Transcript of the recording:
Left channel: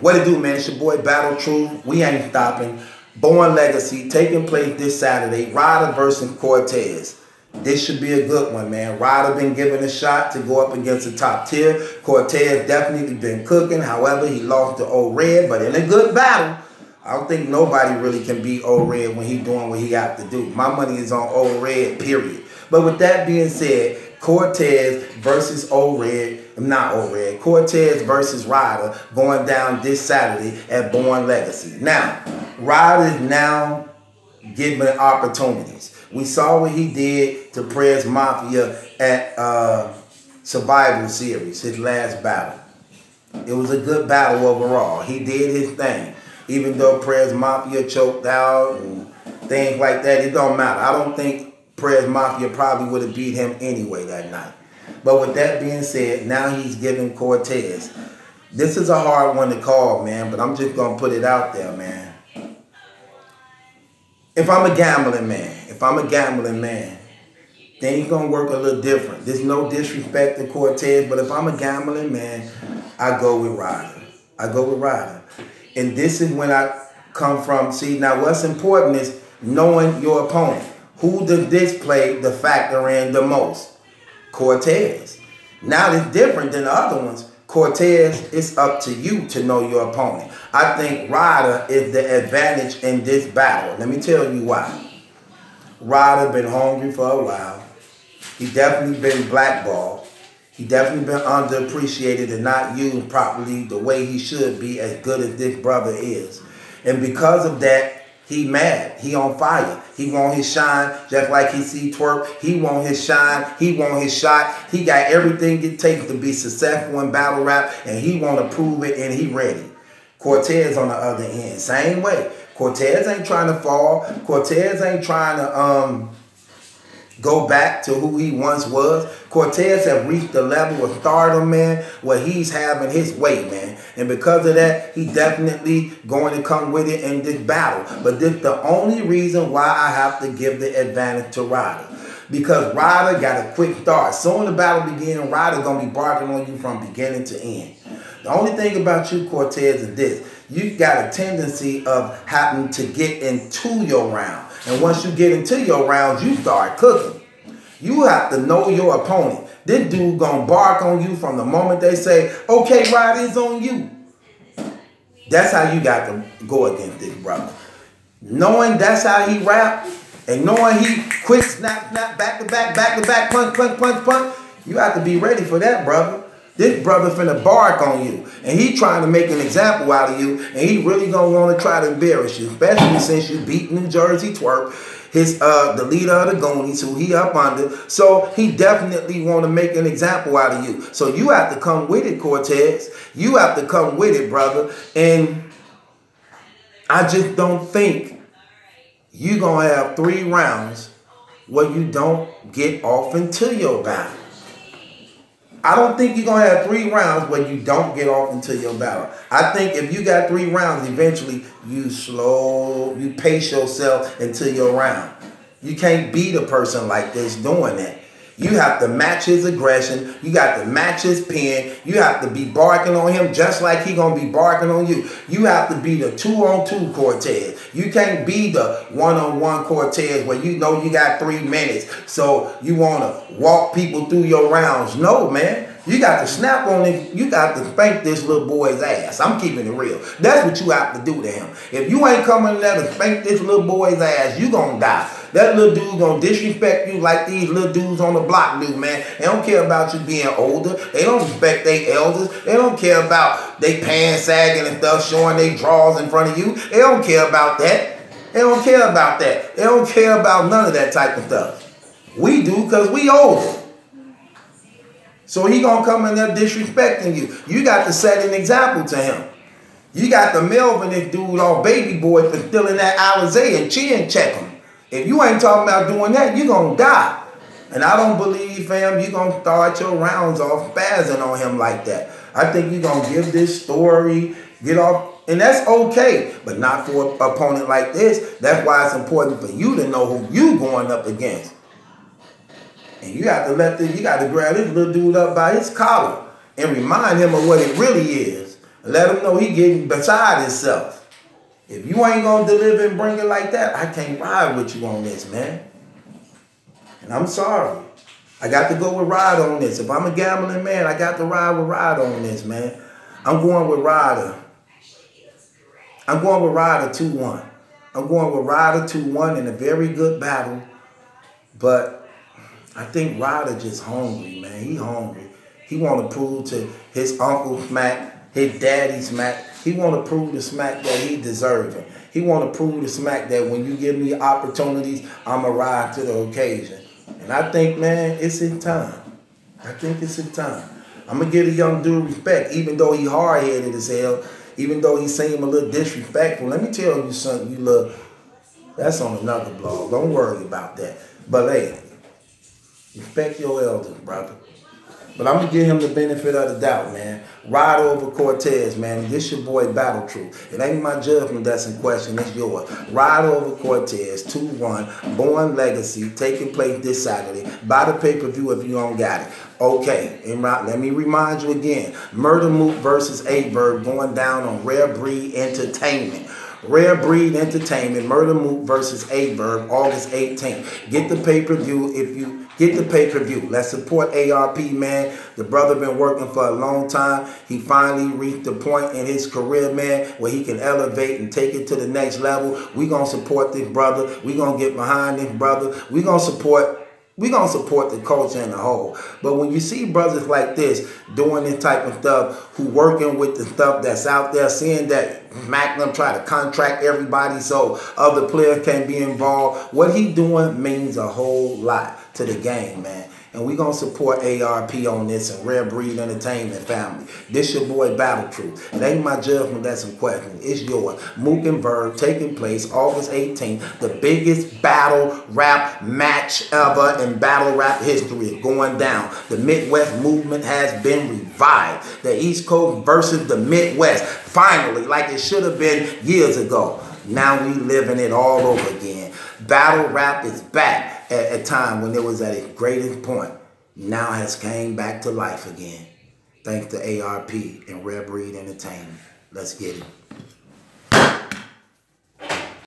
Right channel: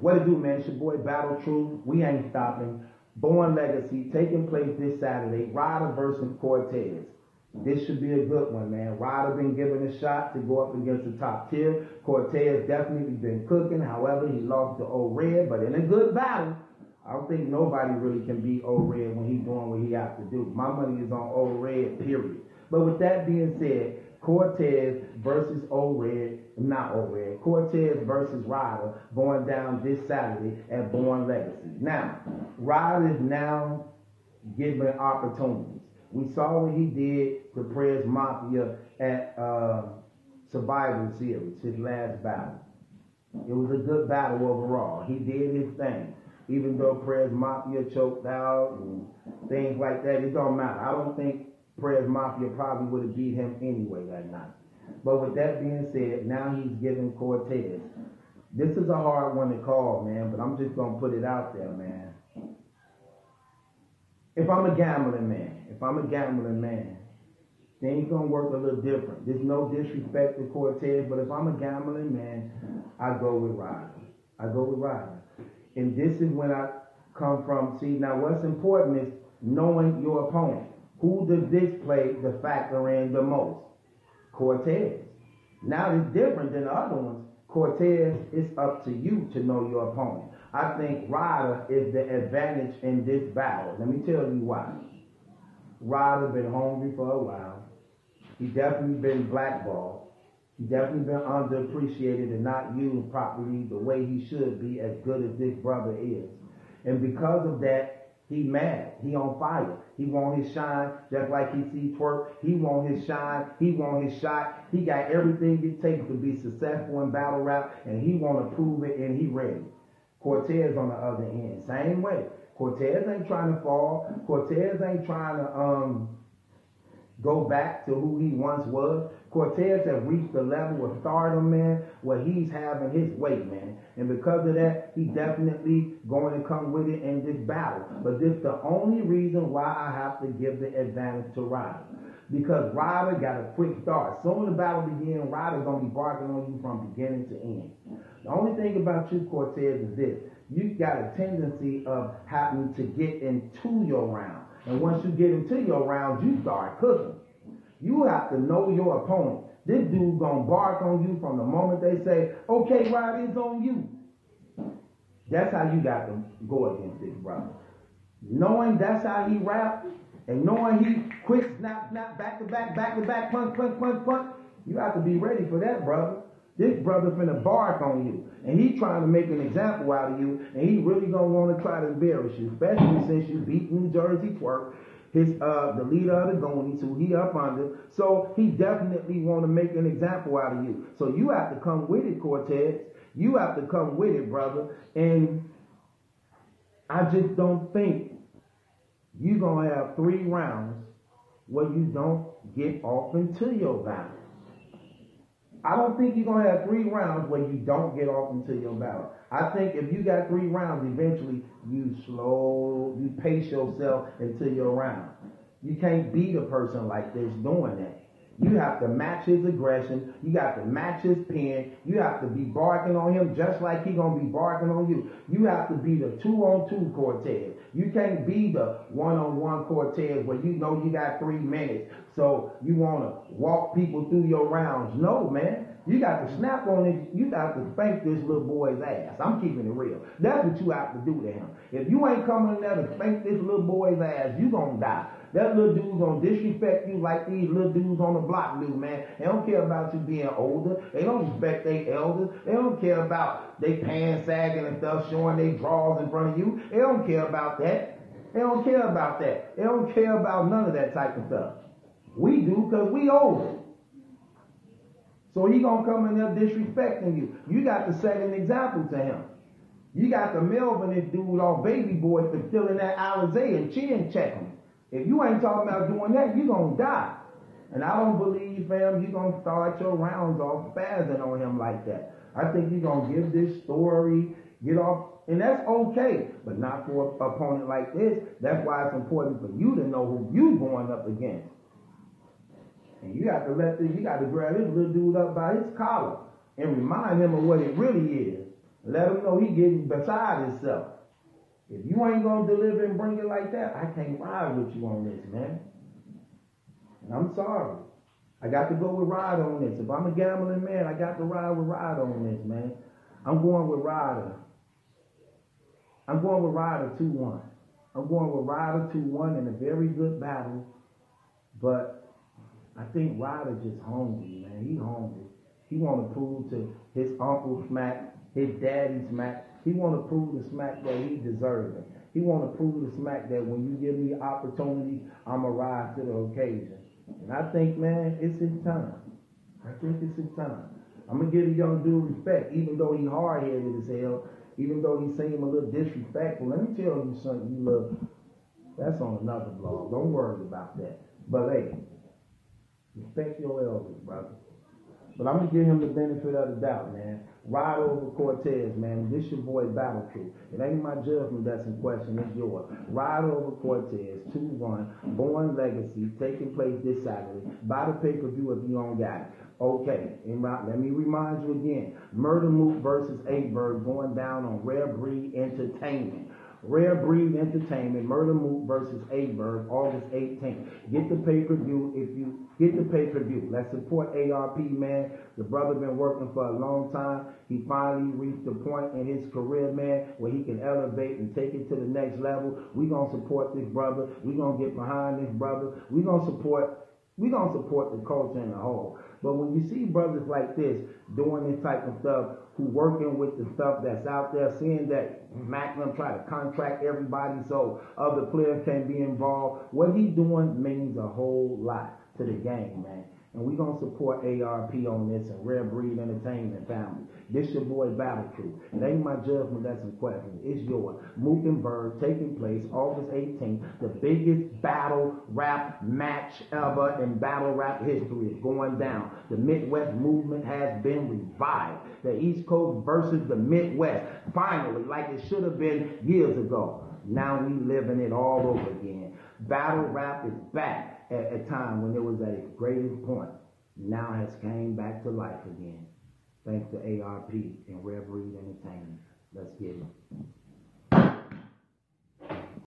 What it do, man? It's your boy Battle Truth. We ain't stopping. Born Legacy taking place this Saturday. Ryda versus Cortez. This should be a good one, man. Ryda been given a shot to go up against the top tier. Cortez definitely been cooking. However, he lost to Old Red, but in a good battle. I don't think nobody really can beat Old Red when he doing what he got to do. My money is on Old Red, period. But with that being said, Cortez versus Old Red, not Old Red, Cortez versus Ryda going down this Saturday at Born Legacy. Now, Ryda is now given opportunities. We saw what he did to Prez Mafia at Survival Series, his last battle. It was a good battle overall. He did his thing. Even though Prez Mafia choked out and things like that, it don't matter. I don't think Prez Mafia probably would have beat him anyway that night. But with that being said, now he's giving Cortez. This is a hard one to call, man, but I'm just going to put it out there, man. If I'm a gambling man, things going to work a little different. There's no disrespect to Cortez, but if I'm a gambling man, I go with Ryda. I go with Ryda. And this is when I come from. See, now what's important is knowing your opponent. Who does this play the factor in the most? Cortez. Now it's different than the other ones. Cortez, it's up to you to know your opponent. I think Ryda is the advantage in this battle. Let me tell you why. Ryda been hungry for a while. He definitely been blackballed. He definitely been underappreciated and not used properly the way he should be, as good as this brother is. And because of that, he mad. He on fire. He want his shine just like he see Twerk. He want his shine. He want his shot. He got everything it takes to be successful in battle rap, and he want to prove it, and he ready. Cortez on the other end, same way. Cortez ain't trying to fall. Cortez ain't trying to go back to who he once was. Cortez have reached the level of stardom, man, where he's having his way, man. And because of that, he definitely going to come with it in this battle. But this the only reason why I have to give the advantage to Ryda. Because Ryda got a quick start. Soon the battle begins, Ryda going to be barking on you from beginning to end. The only thing about you, Cortez, is this. You got a tendency of having to get into your round. And once you get into your rounds, you start cooking. You have to know your opponent. This dude gonna bark on you from the moment they say, okay, Ryda, it's on you. That's how you got to go against this brother. Knowing that's how he rap, and knowing he quick snap, back to back, punch, you have to be ready for that, brother. This brother finna bark on you. And he trying to make an example out of you. And he really gonna want to try to embarrass you. Especially since you beat New Jersey Twerk. The leader of the Goonies, who he up under. So he definitely want to make an example out of you. So you have to come with it, Cortez. You have to come with it, brother. And I just don't think you gonna have 3 rounds where you don't get off into your battle. I don't think you're going to have 3 rounds where you don't get off into your battle. I think if you got 3 rounds, eventually you pace yourself into your round. You can't beat a person like this doing that. You have to match his aggression. You got to match his pen. You have to be barking on him just like he going to be barking on you. You have to be the 2-on-2 Cortez. You can't be the 1-on-1 Cortez where you know you got 3 minutes. So you want to walk people through your rounds. No, man. You got to snap on it. You got to spank this little boy's ass. I'm keeping it real. That's what you have to do to him. If you ain't coming there to spank this little boy's ass, you going to die. That little dude gonna disrespect you like these little dudes on the block do, man. They don't care about you being older. They don't respect their elders. They don't care about they pants sagging and stuff, showing their drawers in front of you. They don't care about that. They don't care about that. They don't care about none of that type of stuff. We do because we older. So he gonna come in there disrespecting you. You got to set an example to him. You got to Melvin this dude all baby boy for stealing that Alizé and chin check him. If you ain't talking about doing that, you're going to die. And I don't believe, fam, you're going to start your rounds off spazzing on him like that. I think you're going to give this story, get off, and that's okay, but not for an opponent like this. That's why it's important for you to know who you going up against. And you got to grab this little dude up by his collar and remind him of what it really is. Let him know he getting beside himself. If you ain't gonna deliver and bring it like that, I can't ride with you on this, man. And I'm sorry. I got to go with Ryda on this. If I'm a gambling man, I got to ride with Ryda on this, man. I'm going with Ryda. I'm going with Ryda 2-1. I'm going with Ryda 2-1 in a very good battle. But I think Ryda just hungry, man. He hungry. He want to prove to his uncle Smack, his daddy Smack, he want to prove to Smack that he deserving. He want to prove to Smack that when you give me opportunities, I'm going to ride to the occasion. And I think, man, it's in time. I think it's in time. I'm going to give the young dude respect, even though he hard-headed as hell, even though he seemed a little disrespectful. Let me tell you something, you look, that's on another blog. Don't worry about that. But, hey, respect your elders, brother. But I'm going to give him the benefit of the doubt, man. Ride over Cortez, man. This your boy Battle Truth. It ain't my judgment that's in question. It's yours. Ride over Cortez, 2-1. Born Legacy, taking place this Saturday. Buy the pay-per-view if you don't got it. Okay, and let me remind you again. Murder Mook versus A-Bird going down on Rare Breed Entertainment. Rare Breed Entertainment, Murder Mook versus A-Bird, August 18th. Get the pay-per-view if you get the pay-per-view. Let's support ARP, man. The brother been working for a long time. He finally reached the point in his career, man, where he can elevate and take it to the next level. We gonna support this brother. We gonna get behind this brother. We gonna support the culture in the whole. But when you see brothers like this doing this type of stuff, who working with the stuff that's out there, seeing that Magnum try to contract everybody so other players can be involved, what he doing means a whole lot to the game, man. And we gonna support ARP on this and Rare Breed Entertainment family. This your boy Battle Truth. It ain't my judgment that's in question. It's yours. Mook and Bird taking place August 18th. The biggest battle rap match ever in battle rap history is going down. The Midwest movement has been revived. The East Coast versus the Midwest. Finally, like it should have been years ago. Now we living it all over again. Battle rap is back at a time when it was at its greatest point. Now has came back to life again. Thanks to ARP and Rare Breed Entertainment. Let's get it.